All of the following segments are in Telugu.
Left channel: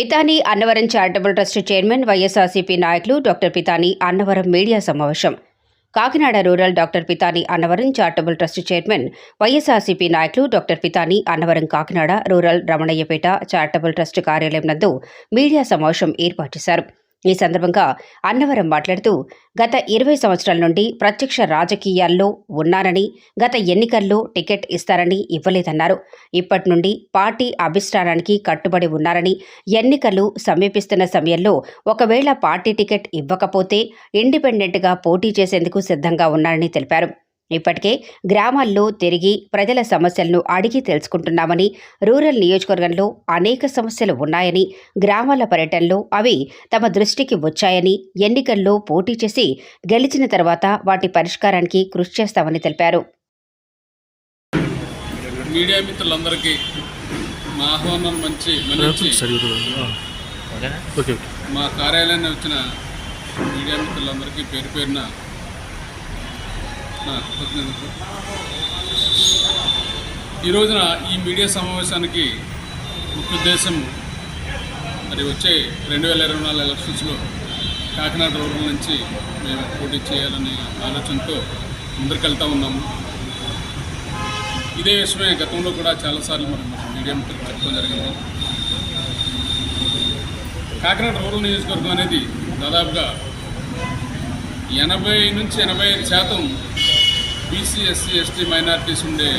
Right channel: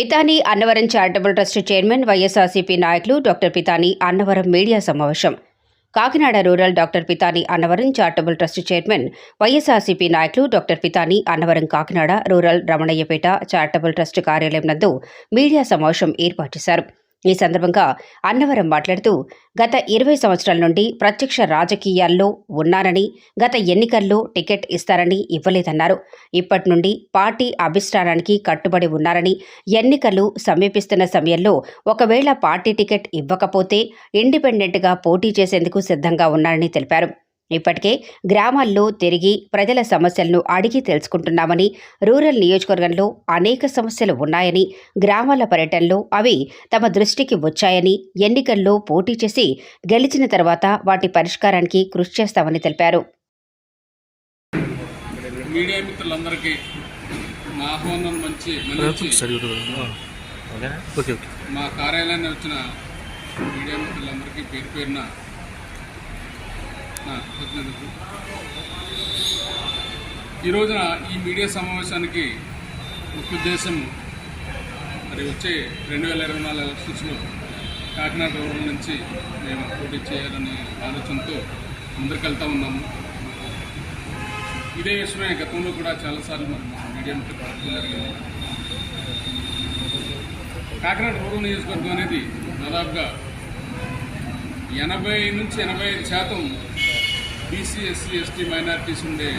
Pithani Annavaram charitable trust chairman YSRCP నాయకులు డాక్టర్ పితాని అన్నవరం మీడియా సమావేశం. Kakinada rural doctor Pithani Annavaram charitable trust chairman YSRCP నాయకులు doctor Pithani Annavaram Kakinada rural Ramanayyapeta charitable trust కార్యాలయం నందు మీడియా సమావేశం ఏర్పాటు చేశారు. ఈ సందర్భంగా అన్నవరం మాట్లాడుతూ గత ఇరవై సంవత్సరాల నుండి ప్రత్యక్ష రాజకీయాల్లో ఉన్నారని గత ఎన్నికల్లో టికెట్ ఇస్తారని ఇవ్వలేదన్నారు. ఇప్పటి నుండి పార్టీ అభిష్టానానికి కట్టుబడి ఉన్నారని ఎన్నికలు సమీపిస్తున్న సమయంలో ఒకవేళ పార్టీ టికెట్ ఇవ్వకపోతే ఇండిపెండెంట్గా పోటీ చేసేందుకు సిద్ధంగా ఉన్నారని తెలిపారు. ఇప్పటికే గ్రామాల్లో తిరిగి ప్రజల సమస్యలను అడిగి తెలుసుకుంటున్నామని రూరల్ నియోజకవర్గంలో అనేక సమస్యలు ఉన్నాయని గ్రామాల పర్యటనలో అవి తమ దృష్టికి వచ్చాయని ఎన్నికల్లో పోటీ చేసి గెలిచిన తర్వాత వాటి పరిష్కారానికి కృషి చేస్తామని తెలిపారు. మీడియా మిత్రులందరికీ మా ఆహ్వానం మంచి మన్నించి ఓకే ఓకే మా కార్యాలయాన్ని వచ్చిన మీడియా మిత్రులందరికీ పేరు పేరున ఈ రోజున ఈ మీడియా సమావేశానికి ముఖ్య ఉద్దేశం మరి వచ్చే రెండు వేల ఇరవై నాలుగు ఎలక్షన్స్లో కాకినాడ రూరల్ నుంచి మేము పోటీ చేయాలనే ఆలోచనతో ముందరికెళ్తా ఉన్నాము. ఇదే విషయమే గతంలో కూడా చాలాసార్లు మనం మీడియా మిత్రులు చెప్పడం జరిగింది. కాకినాడ రూరల్ నియోజకవర్గం అనేది దాదాపుగా ఎనభై నుంచి ఎనభై ఐదు శాతం బీసీ ఎస్సీ ఎస్టీ మైనార్టీస్ ఉండే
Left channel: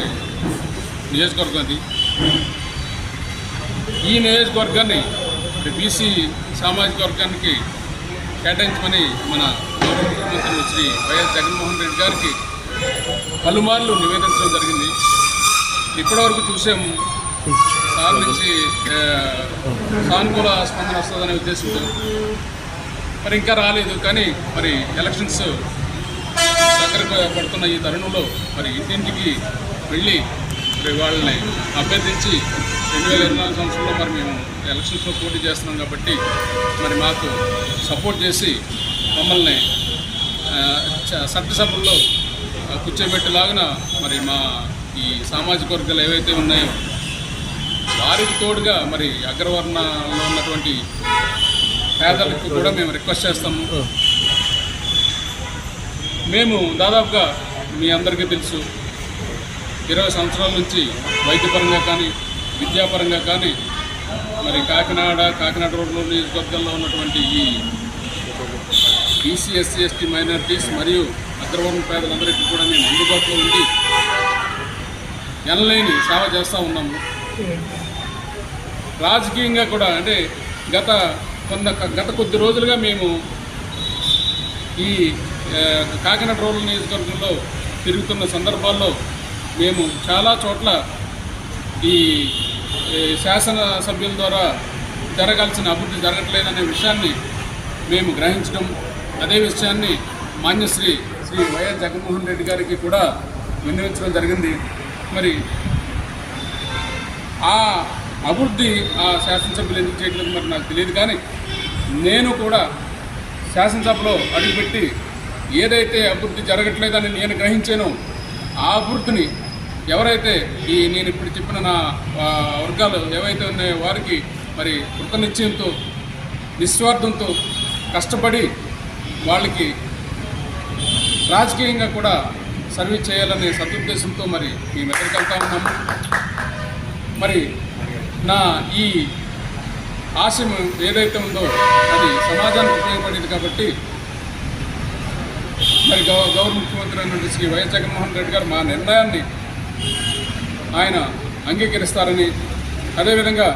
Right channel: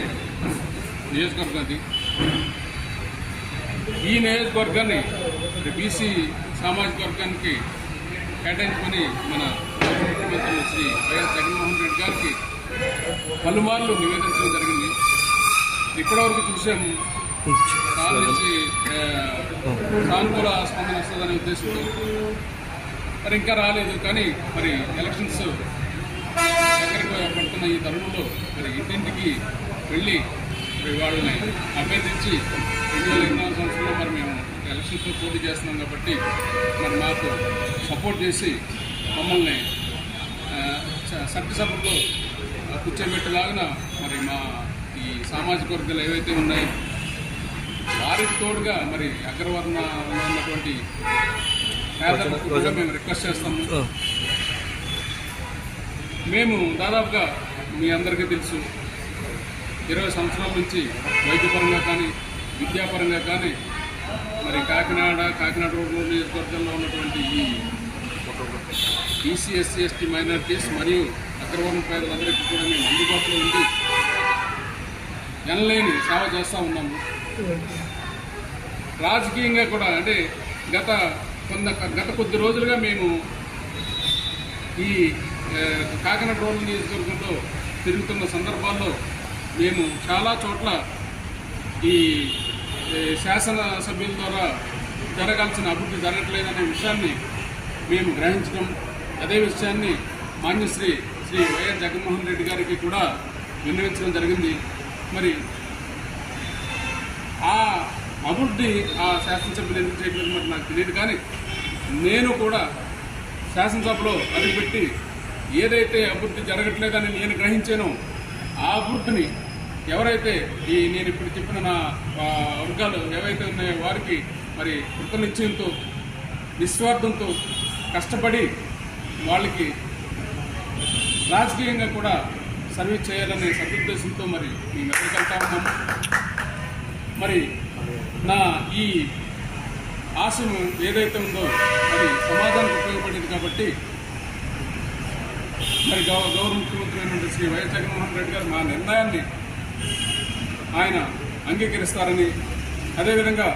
నియోజకవర్గం అది ఈ నియోజకవర్గాన్ని బీసీ సామాజిక వర్గానికి కేటాయించమని మన గౌరవ ముఖ్యమంత్రి శ్రీ వైఎస్ జగన్మోహన్ రెడ్డి గారికి పలుమార్లు నివేదించడం జరిగింది. ఇప్పటివరకు చూసాము సార్ నుంచి సానుకూల స్పందన వస్తుందనే ఉద్దేశంతో. మరి ఇంకా రాలేదు కానీ మరి ఎలక్షన్స్ దగ్గరకు పడుతున్న ఈ తరుణంలో మరి ఇంటింటికి వెళ్ళి వాళ్ళని అభ్యర్థించి రెండు వేల ఇరవై నాలుగు సంవత్సరంలో మరి మేము ఎలక్షన్స్లో పోటీ చేస్తున్నాం కాబట్టి మరి మాకు సపోర్ట్ చేసి మమ్మల్ని చట్టసభల్లో కూర్చోబెట్టేలాగిన మరి మా ఈ సామాజిక వర్గాలు ఏవైతే ఉన్నాయో వారికి తోడుగా మరి అగ్రవర్ణంలో ఉన్నటువంటి పేదలకు కూడా మేము రిక్వెస్ట్ చేస్తాము. మేము దాదాపుగా మీ అందరికీ తెలుసు ఇరవై సంవత్సరాల నుంచి వైద్యపరంగా కానీ విద్యాపరంగా కానీ మరి కాకినాడ కాకినాడ రోడ్లో నియోజకవర్గంలో ఉన్నటువంటి ఈ బీసీ ఎస్సీ ఎస్టీ మైనారిటీస్ మరియు అగ్రవర్ణ పేదలందరికీ కూడా మేము అందుబాటులో ఉండి ఎనలేని సేవ చేస్తూ ఉన్నాము. రాజకీయంగా కూడా అంటే గత కొంత గత కొద్ది రోజులుగా మేము ఈ కాకినాడ రూరల్ నియోజకవర్గంలో తిరుగుతున్న సందర్భాల్లో మేము చాలా చోట్ల ఈ శాసన సభ్యుల ద్వారా జరగాల్సిన అభివృద్ధి జరగట్లేదనే విషయాన్ని మేము గ్రహించడం అదే విషయాన్ని మాన్యశ్రీ శ్రీ వైఎస్ జగన్మోహన్ రెడ్డి గారికి కూడా విన్నవించడం జరిగింది. మరి ఆ అభివృద్ధి ఆ శాసనసభ్యులు ఎందుకు చేయట్లేదు మరి నాకు తెలియదు కానీ నేను కూడా శాసనసభలో అడుగుపెట్టి ఏదైతే అభివృద్ధి జరగట్లేదని నేను గ్రహించానో ఆ అభివృద్ధిని ఎవరైతే ఈ నేను ఇప్పుడు చెప్పిన నా వర్గాలు ఏవైతే ఉన్నాయో వారికి మరి కృతనిశ్చయంతో నిస్వార్థంతో కష్టపడి వాళ్ళకి రాజకీయంగా కూడా సర్వీస్ చేయాలనే సదుద్దేశంతో మరి మేము ఎక్కడికి వెళ్తా ఉన్నాము. మరి నా ఈ ఆశయం ఏదైతే ఉందో అది సమాజానికి ఉపయోగపడేది కాబట్టి మరి గౌ గౌరవ ముఖ్యమంత్రి అయినటువంటి శ్రీ వైఎస్ జగన్మోహన్ రెడ్డి గారు మా నిర్ణయాన్ని ఆయన అంగీకరిస్తారని అదేవిధంగా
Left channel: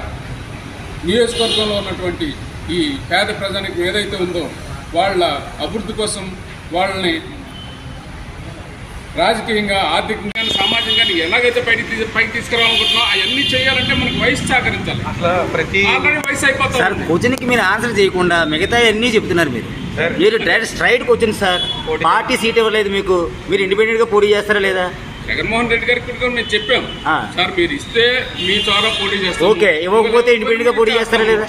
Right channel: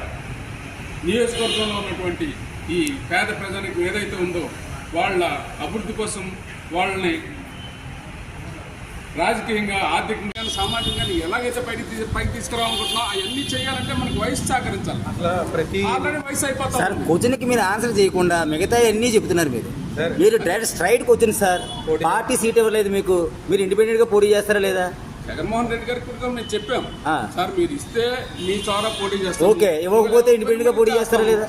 నియోజకవర్గంలో ఉన్నటువంటి ఈ పేద ప్రజానికి ఏదైతే ఉందో వాళ్ళ అభివృద్ధి కోసం వాళ్ళని రాజకీయంగా ఆర్థికంగా సామాజికంగా ఎలాగైతే పైకి పైకి తీసుకురావాలనుకుంటున్నాం అవన్నీ చేయాలంటే మనకు వయసు సహకరించాలి ప్రతి ఆల్రెడీ వయసు అయిపోతా సార్ ఉంది. క్వశ్చన్కి మీరు ఆన్సర్ చేయకుండా మిగతా అన్నీ చెప్తున్నారు మీరు మీరు direct straight question sir. Party seat ఇవ్వలేదు మీకు. మీరు ఇండిపెండెంట్గా పోటీ చేస్తారా లేదా? జగన్మోహన్ రెడ్డి గారికి కూడా మేము చెప్పాం. సార్ మీరు ఇస్తే మీ ద్వారా పోటీ చేస్తాం. ఓకే ఇవ్వకపోతే ఇండిపెండెంట్గా పోటీ చేస్తారా లేదా?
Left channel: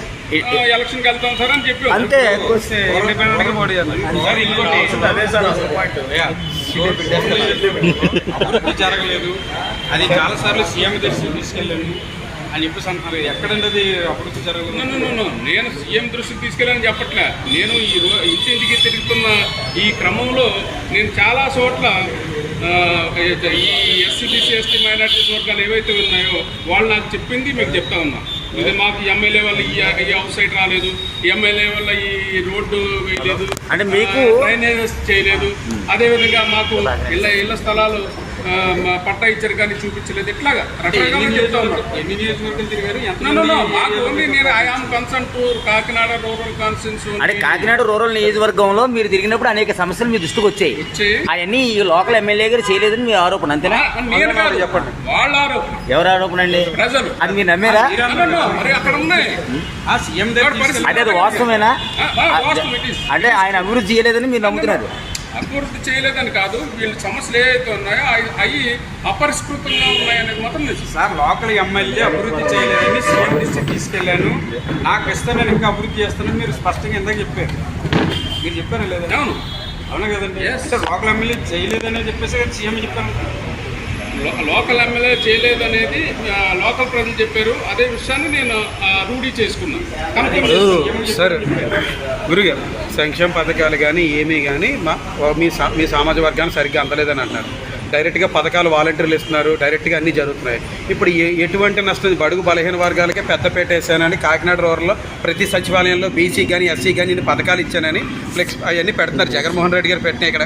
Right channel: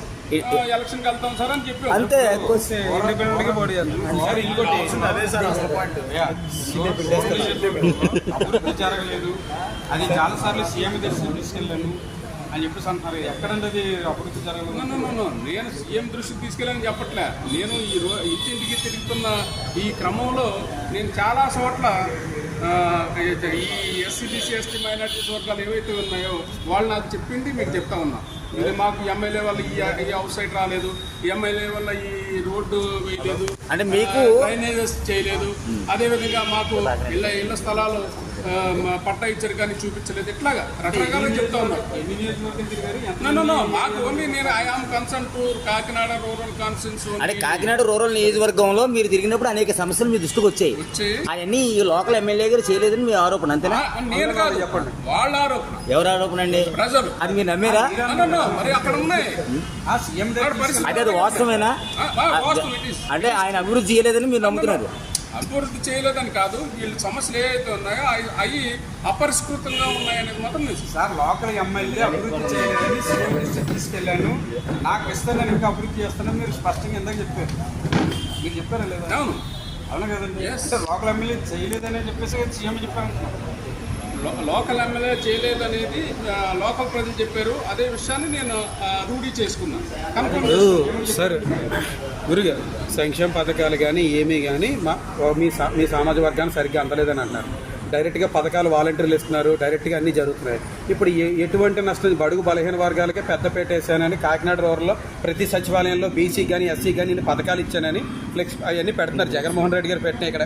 ఎలక్షన్కి వెళ్తాం సార్ అని చెప్పాం. అంతే. ఇండిపెండెంట్గా పోటీ చేస్తారు. సార్ ఇంకోటి అదే సార్ అసలు పాయింట్ జరగలేదు. అది చాలాసార్లు సీఎం దర్శనం తీసుకెళ్ళాము అని చెప్పేసి అంటున్నారు. అభివృద్ధి జరగదు. నేను సీఎం దృష్టికి తీసుకెళ్ళని చెప్పట్లే. నేను ఈ రో ఇంటింటికి తిరుగుతున్న ఈ క్రమంలో నేను చాలా చోట్ల ఈ ఎస్సీ బీసీ ఎస్టీ మైనార్టీస్ వర్గాలు ఏవైతే ఉన్నాయో వాళ్ళు నాకు చెప్పింది మీకు చెప్తా ఉన్నా. ఇది మాకు ఎమ్మెల్యే వల్ల ఈ ఈ హౌస్ సైడ్ రాలేదు. ఎమ్మెల్యే వల్ల ఈ రోడ్డు వేయలేదు. అంటే మీకు- డ్రైనేజెస్ చేయలేదు. అదేవిధంగా మాకు ఇళ్ళ ఇళ్ళ స్థలాలు పట్టా ఇచ్చారు కానీ చూపించలేదు. ఇట్లాగా రకరకాలుగా చెప్తా ఉన్నారు. నేను I am concern to Kakinada rural constituency అంటే కాకినాడ రూరల్ నియోజకవర్గంలో మీరు తిరిగినప్పుడు అనేక సమస్యలు మీ దృష్టికి వచ్చాయి. వచ్చి అవన్నీ ఈ లోకల్ ఎమ్మెల్యే గారు చేయలేదని మీ ఆరోపణ అంతేనా? నేను కాదు. చెప్పండి. వాళ్ళ ఆరోపణ. ఎవరు ఆరోపణ అండి? ప్రజలు. అది మీరు నమ్మారా. మరి అక్కడ ఉన్నాయి. ఆ సీఎం దగ్గర తీసుకెళ్ళి అంటే అది వాస్తవమేనా? ఆ, ఆ, వాస్తవం it is. అంటే ఆయన అభివృద్ధి చేయలేదని మీరు నమ్ముతున్నారు. అభివృద్ధి చేయలేదని కాదు వీళ్ళ సమస్యలు ఏవైతే ఉన్నాయో అవి- అవి అపరిష్కృతంగా ఉన్నాయనేది మాత్రం నిజం. సార్ లోకల్ ఎమ్మెల్యే అభివృద్ధి చేయలేదని సీఎం దృష్టికి తీసుకెళ్ళాను. నాకు ఇస్తాను నేను ఇంకా అభివృద్ధి చేస్తానని మీరు స్పష్టంగా ఇందాక చెప్పారు. మీరు చెప్పారా లేదా? అవును. అవునా కదండి? లోకల్ ఎమ్మెల్యే చేయలేదని చెప్పేసి కదా సీఎం చెప్పారు. లోకల్ ఎమ్మెల్యే చేయలేదనేది ఆ, లోకల్ ప్రజలు చెప్పారు. అదే విషయాన్ని నేను రూఢీ చేసుకున్నాను కన్ఫర్మ్ చేసుకున్నాను సార్ గురుగారు సంక్షేమ పథకాలు కానీ ఏమీ కానీ మా మీ సా మీ సామాజిక వర్గాన్ని సరిగ్గా అందలేదని అంటున్నారు. డైరెక్ట్గా పథకాలు వాలంటీర్లు ఇస్తున్నారు. డైరెక్ట్గా అన్నీ జరుగుతున్నాయి. ఇప్పుడు ఎటువంటి నష్టం? బడుగు బలహీన వర్గాలకే పెద్దపేట వేసానని కాకినాడ రూరల్లో ప్రతి సచివాలయంలో బీసీ కానీ ఎస్సీ కానీ పథకాలు ఇచ్చానని ఫ్లెక్స్ అవన్నీ పెడుతున్నారు. జగన్మోహన్ రెడ్డి గారు పెట్టినాయి ఇక్కడ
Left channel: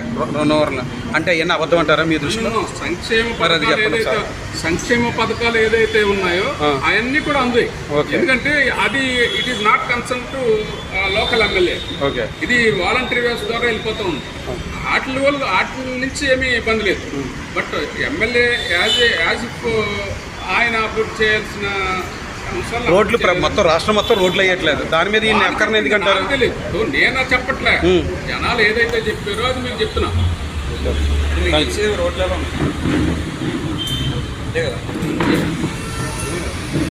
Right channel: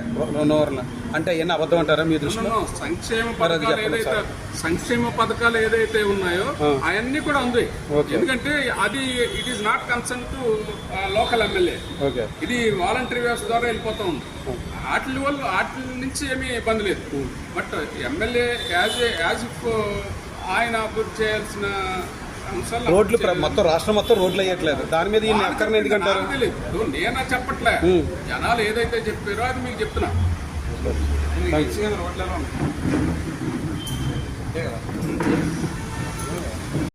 రూరల్లో. అంటే అవన్నీ అబద్ధం అంటారా మీ దృష్టిలో? సంక్షేమ అది. సంక్షేమ పథకాలు ఏదైతే ఉన్నాయో. అవన్నీ కూడా ఓకే. ఎందుకంటే అది it is not concern to local MLA. Okay. ఇది వాలంటరీ వ్యవస్థ ద్వారా వెళ్ళిపోతూ ఉంది. వాటి వల్ల వాటి నుంచి ఏమీ ఇబ్బంది లేదు. But MLA as a as if ఆయన అభివృద్ధి చేయాల్సిన అంశాలు రోడ్లు మొత్తం రాష్ట్రం మొత్తం రోడ్లు వేయట్లేదు. దాని మీద ఈయన ఎక్కడనే ఎందుకంటారు తెలియదు నేను చెప్పట్లే. జనాలు ఏదైతే చెప్పారో అది మీకు చెప్తున్నా. రోడ్లలో ఉన్నాయి